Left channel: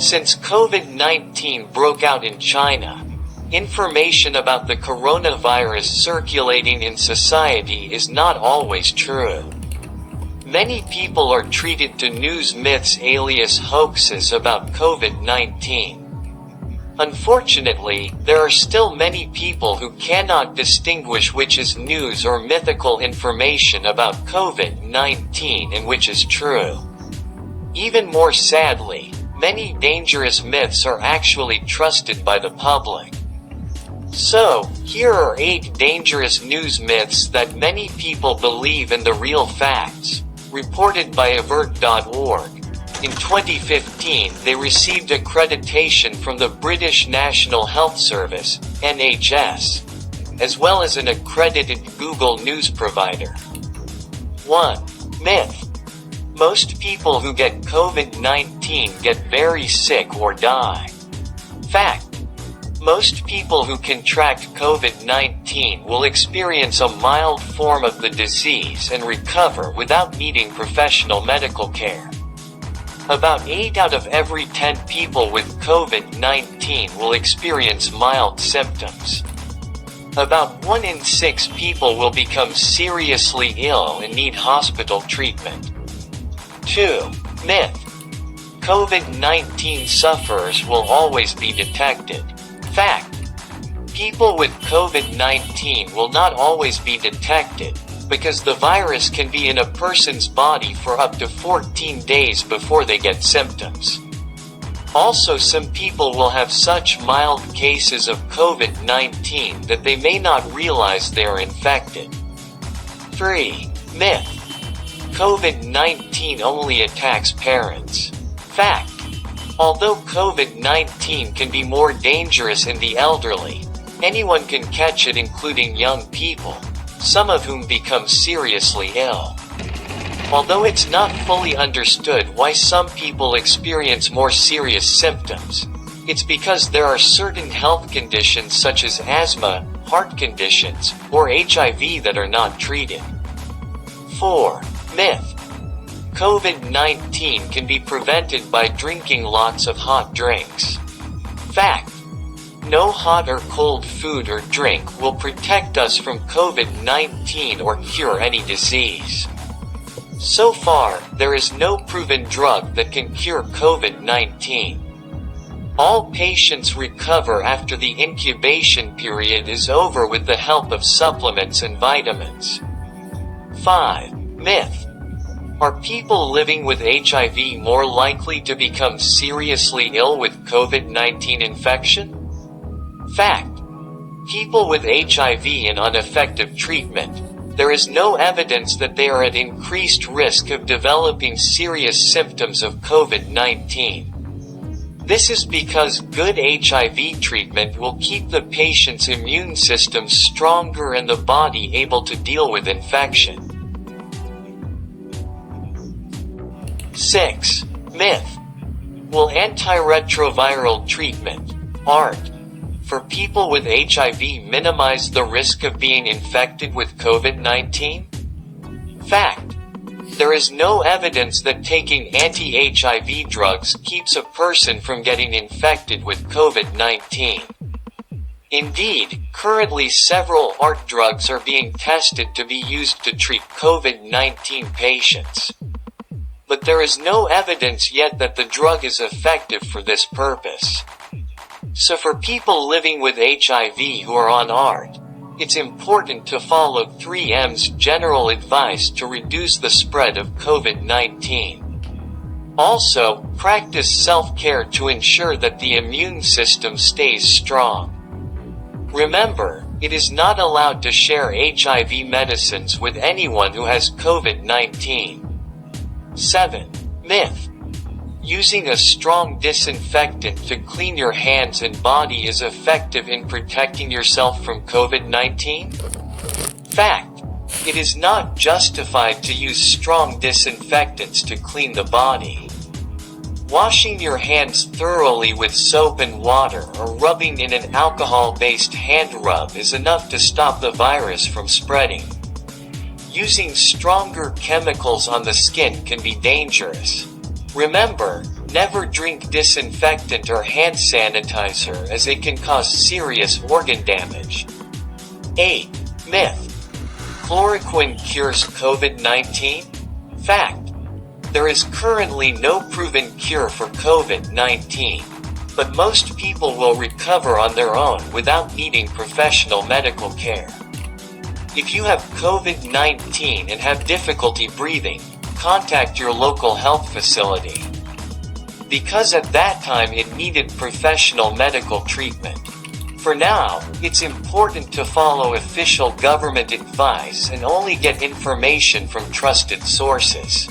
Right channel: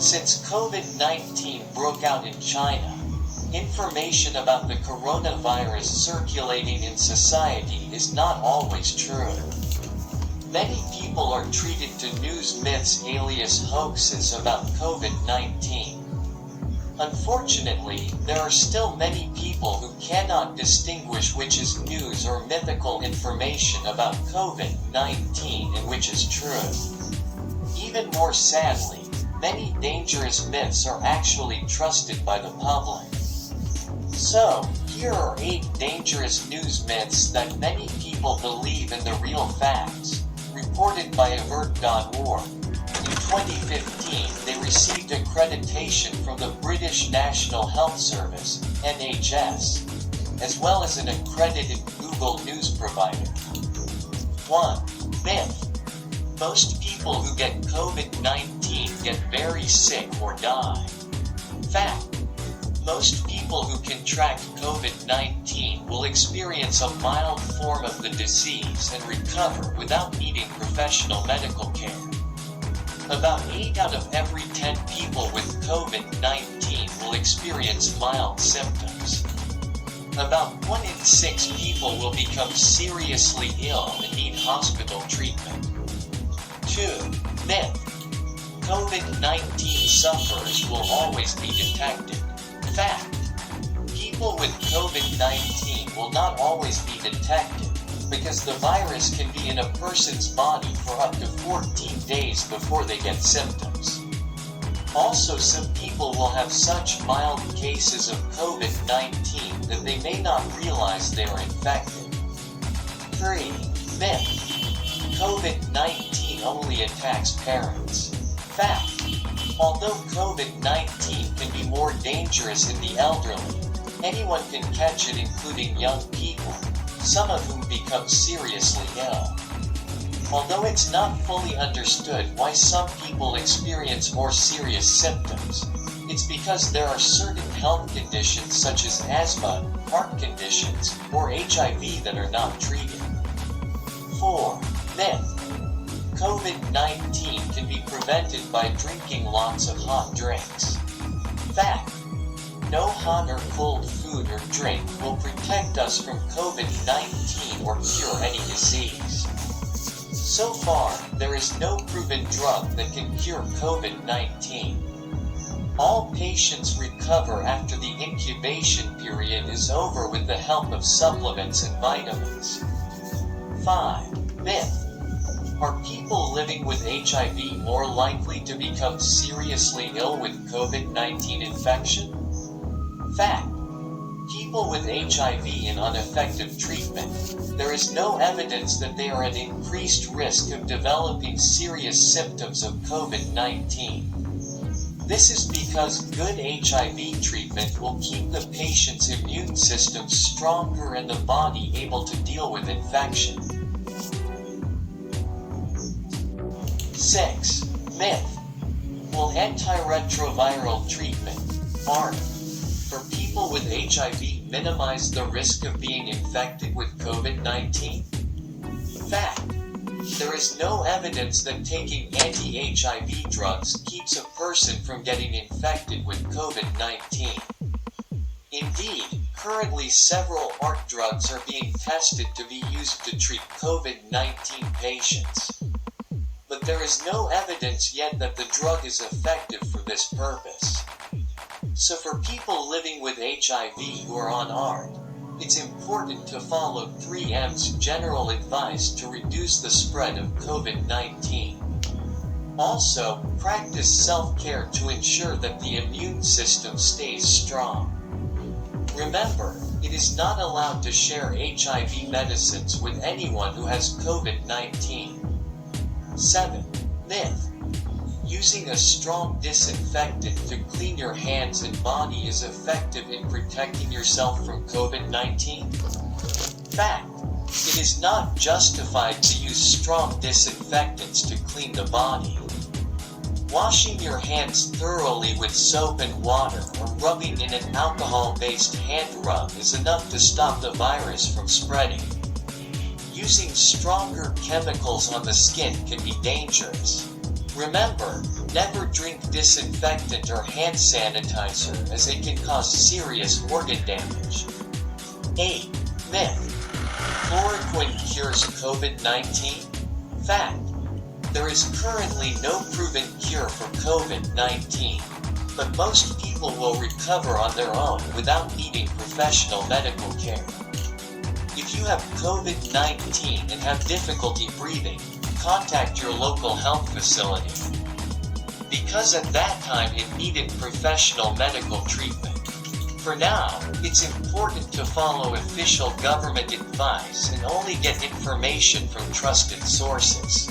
Since COVID-19 broke out in China, information about the coronavirus circulating in society is not always true. Many people are treated to news myths alias hoaxes about COVID-19. Unfortunately, there are still many people who cannot distinguish which is news or mythical information about COVID-19 and which is true. Even more sadly, many dangerous myths are actually trusted by the public. So, here are 8 dangerous news myths that many people believe in the real facts, reported by avert.org. In 2015, they received accreditation from the British National Health Service, NHS, as well as an accredited Google News provider. 1. Myth. Most people who get COVID-19 get very sick or die. Fact. Most people who contract COVID-19 will experience a mild form of the disease and recover without needing professional medical care. About 8 out of every 10 people with COVID-19 will experience mild symptoms. About 1 in 6 people will become seriously ill and need hospital treatment. 2. Myth. COVID-19 sufferers will always be detected. Fact. People with COVID-19 will not always be detected, because the virus can be in a person's body for up to 14 days before they get symptoms. Also, some people will have such mild cases of COVID-19 that they may not realize they are infected. 3. Myth. COVID-19 only attacks parents. Fact. Although COVID-19 can be more dangerous in the elderly, anyone can catch it, including young people, some of whom become seriously ill. Although it's not fully understood why some people experience more serious symptoms, it's because there are certain health conditions such as asthma, heart conditions, or HIV that are not treated. 4. Myth. COVID-19 can be prevented by drinking lots of hot drinks. Fact. No hot or cold food or drink will protect us from COVID-19 or cure any disease. So far, there is no proven drug that can cure COVID-19. All patients recover after the incubation period is over with the help of supplements and vitamins. 5. Myth. Are people living with HIV more likely to become seriously ill with COVID-19 infection? Fact. People with HIV and ineffective treatment, there is no evidence that they are at increased risk of developing serious symptoms of COVID-19. This is because good HIV treatment will keep the patient's immune system stronger and the body able to deal with infection. 6. Myth. Will antiretroviral treatment, ART, for people with HIV minimize the risk of being infected with COVID-19? Fact. There is no evidence that taking anti-HIV drugs keeps a person from getting infected with COVID-19. Indeed, currently several ART drugs are being tested to be used to treat COVID-19 patients. But there is no evidence yet that the drug is effective for this purpose. So for people living with HIV who are on ART, it's important to follow 3M's general advice to reduce the spread of COVID-19. Also, practice self-care to ensure that the immune system stays strong. Remember, it is not allowed to share HIV medicines with anyone who has COVID-19. 7. Myth. Using a strong disinfectant to clean your hands and body is effective in protecting yourself from COVID-19? Fact. It is not justified to use strong disinfectants to clean the body. Washing your hands thoroughly with soap and water or rubbing in an alcohol-based hand rub is enough to stop the virus from spreading. Using stronger chemicals on the skin can be dangerous. Remember, Never drink disinfectant or hand sanitizer as it can cause serious organ damage. 8. Myth. Chloroquine cures COVID-19? Fact. There is currently no proven cure for COVID-19, but most people will recover on their own without needing professional medical care. If you have COVID-19 and have difficulty breathing, contact your local health facility, because at that time it needed professional medical treatment. For now, it's important to follow official government advice and only get information from trusted sources.